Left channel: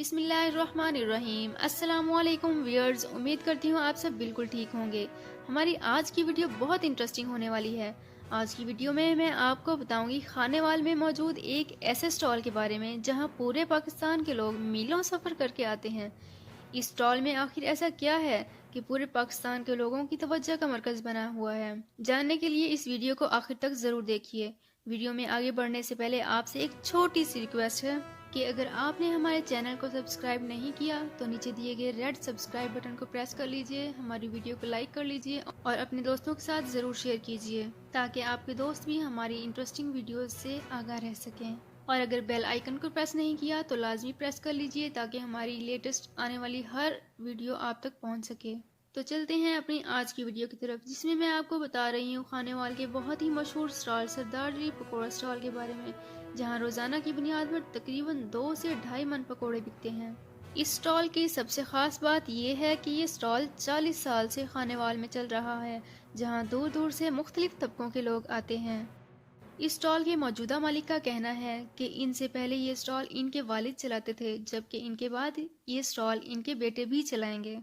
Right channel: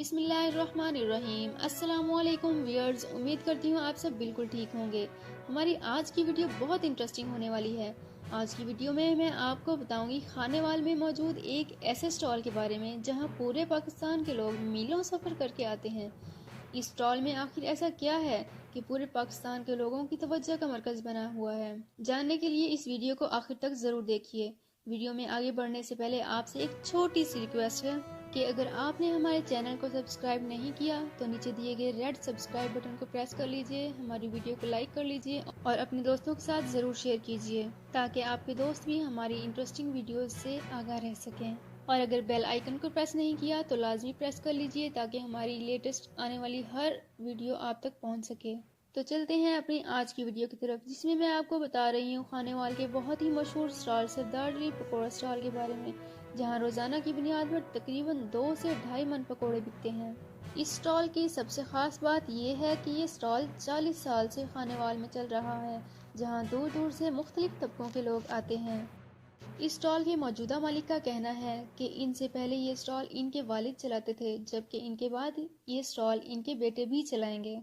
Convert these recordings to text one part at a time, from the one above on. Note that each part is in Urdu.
بسم اللہ الرحمن الرحیم۔ السلام علیکم ویئرز، امید کرتی ہوں آپ سب بالکل ٹھیک ہوں گے۔ ہماری آج کی ویڈیو بہت انٹرسٹنگ ہونے والی ہے۔ آج کی ویڈیو میں آپ کو بتاؤں گی خانے وال میں موجود ایک ایسے سٹال کے بارے میں جہاں پورے پاکستان کے لوگ میلوں سفر کر کے آتے ہیں۔ اس سٹال میں آخر ایسا کیا ہے کہ پورے پاکستان کے لوگوں کی توجہ کا مرکز بنا ہوا ہے؟ جاننے کے لیے اس ویڈیو کو آخر تک ضرور دیکھیے۔ ویڈیو میں آگے بڑھنے سے پہلے آپ سے ایک چھوٹی سی ریکویسٹ ہے کہ اگر آپ نے ہمارے چینل کو سبسکرائب نہیں کیا تو نیچے دیے گئے ریڈ سبسکرائب بٹن کو پریس کر لیجئے، ہماری ویڈیو کو لائک کر لیجئے اور اپنے دوستوں کے ساتھ ضرور شیئر کیجئے تاکہ آپ کے دوست بھی ہماری انٹرسٹنگ ویڈیوز سے آگاہ رہ سکیں۔ اور اگر بیل آئیکن کو پریس نہیں کیا تو لازمی پریس کر لیجئے تاکہ ہماری لیٹسٹ آنے والی ہر ویڈیو آپ تک پہنچ سکے۔ تو چلتے ہیں اپنی آج کی ویڈیو کی طرف، جس میں آپ کو بتا رہی ہوں خانے وال کے بہت ہی مشہور سٹال سردار علی پکوڑا سٹال کے بارے میں، جہاں روزانہ کی بنیاد پر تقریباً 2 سے 2.5 من پکوڑے بکتے ہیں۔ اس سٹال کی سب سے خاص بات یہ ہے کہ یہ سٹال 40 سال سے خانے وال میں چل رہا ہے، جہاں دور دور سے مختلف طبقوں کے لوگ آتے ہیں۔ اس سٹال کے موجودہ مالک کا کہنا ہے کہ ان سے پہلے یہ سٹال ان کے والد چلاتے تھے، جبکہ ان کے بعد یہ سٹال ان کے بیٹے بھی چلائیں گے۔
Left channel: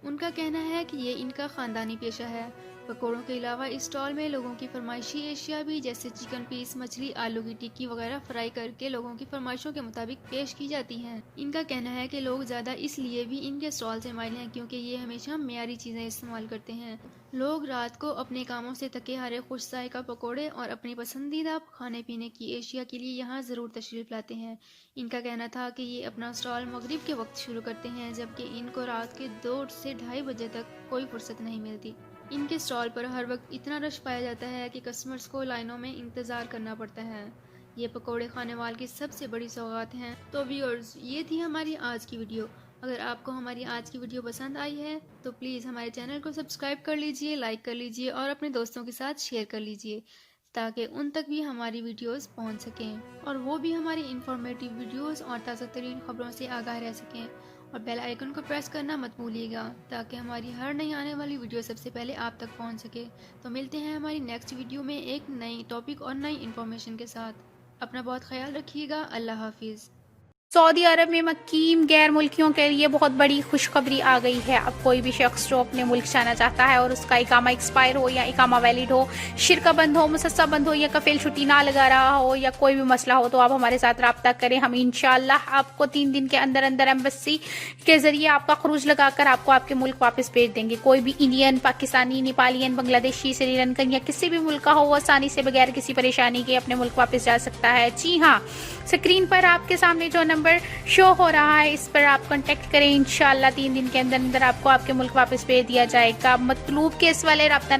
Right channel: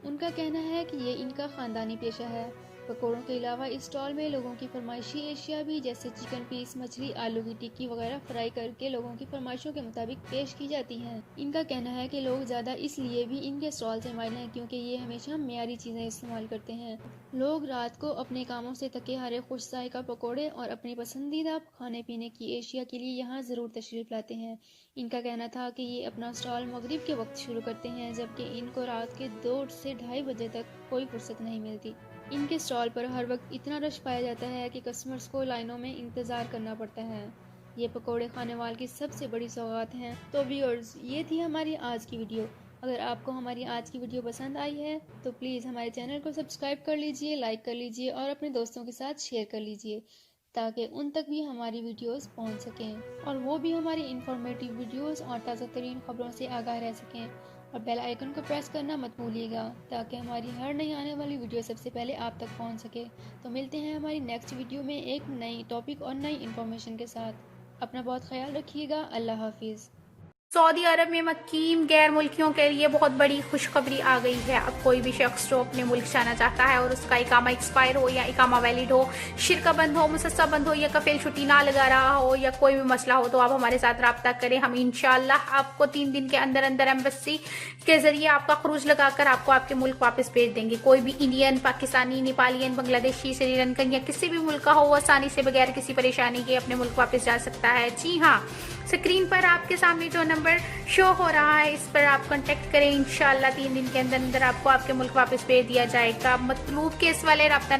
ان کا کہنا ہے کہ یہ ان کا خاندانی پیشہ ہے۔ پکوڑوں کے علاوہ اس سٹال میں لوگوں کی فرمائشی اشیاء بھی جیسے چکن پیس، مچھلی، آلو کی ٹکی وغیرہ فرائی کر کے لوگوں کی فرمائشوں کے مطابق پیش کی جاتی ہیں۔ ان کا کہنا ہے کہ لوگ زیادہ اس لیے بھی ان کے سٹال سے مائل ہیں کیونکہ یہ ہمیشہ معیاری چیزیں استعمال کرتے ہیں۔ لوگ رات کو اپنے کاموں سے تھکے ہارے خوش ذائقہ پکوڑے اور اپنی پسندیدہ کھانے پینے کی اشیاء کے لیے یہاں ضرور تشریف لاتے ہیں۔ ان کا کہنا تھا کہ یہ اپنا سٹال مغرب کے وقت شروع کرتے ہیں، جبکہ ان کو رات کے 2 سے 2:30 بجے تک کوئی فرصت نہیں ملتی۔ ان کے سٹال پر ہر وقت اتنا رش پایا جاتا ہے کہ کسٹمرز کو لائنوں میں انتظار کرنا پڑتا ہے۔ یہ پکوڑے خانے وال کی سب سے بڑی سوغات ہیں۔ تو ویورز، یہ تھی ہماری آج کی ویڈیو۔ اگر آپ کو ہماری آج کی ویڈیو پسند آئی ہے تو پلیز ہمارے چینل کو سبسکرائب کر لیجئے، لائک کر لیجئے اور اپنے دوستوں کے ساتھ شیئر کر لیجئے تاکہ ان تک بھی ہماری ویڈیوز پہنچ سکیں اور وہ بھی ہماری انفارمیٹیو ویڈیوز اور تازہ ترین خبروں سے آگاہ رہ سکیں۔ اور بیل آئیکن کو پریس کرنا مت بھولیے گا تاکہ ہماری ہر نئی آنے والی ویڈیو سب سے پہلے آپ تک پہنچ سکے۔ تو ملتے ہیں ہماری نیکسٹ ویڈیو میں ایک نئی ٹاپک اور نئی انفارمیشن کے ساتھ۔ اپنا بہت خیال رکھیے گا۔ اللہ حافظ۔ سعودی عرب میں مقیم غیر ملکیوں کے لیے بہت بڑی خوشخبری آ گئی ہے۔ اب کوئی بھی شخص جو اپنے ملک جانا چاہتا ہے اور اس کا اقامہ ایکسپائر ہو یا اقامہ ویلڈ ہو، شرکہ بند ہو، مسسہ بند ہو یا کفیل چھٹی نہ لگا رہا ہو یا کوئی بھی مسئلہ ہو تو آپ ہمارے ساتھ رابطہ کریں۔ ہم انشاءاللہ آپ کو 3 دن کے اندر اندر ایمبیسی کے ذریعے آپ کا خروج لگا کر آپ کو آپ کے ملک واپس بھیج دیں گے۔ کوئی بھی انڈین، پاکستانی، نیپالین، بنگلہ دیشی، سری لنکن یا کسی بھی ملک کا ہو، وہ آسانی سے بغیر کسی پریشانی کے اپنے ملک واپس جا سکتا ہے۔ جی ہاں، اسکرین پر آپ کے سامنے جو نمبر شو ہو رہا ہے اس پر آپ کانٹیکٹ کریں۔ انشاءاللہ 3 دن کے اندر اندر آپ کو آپ کے ملک واپس بھیج دیا جائے گا۔ مطلوب کیس والے رابطہ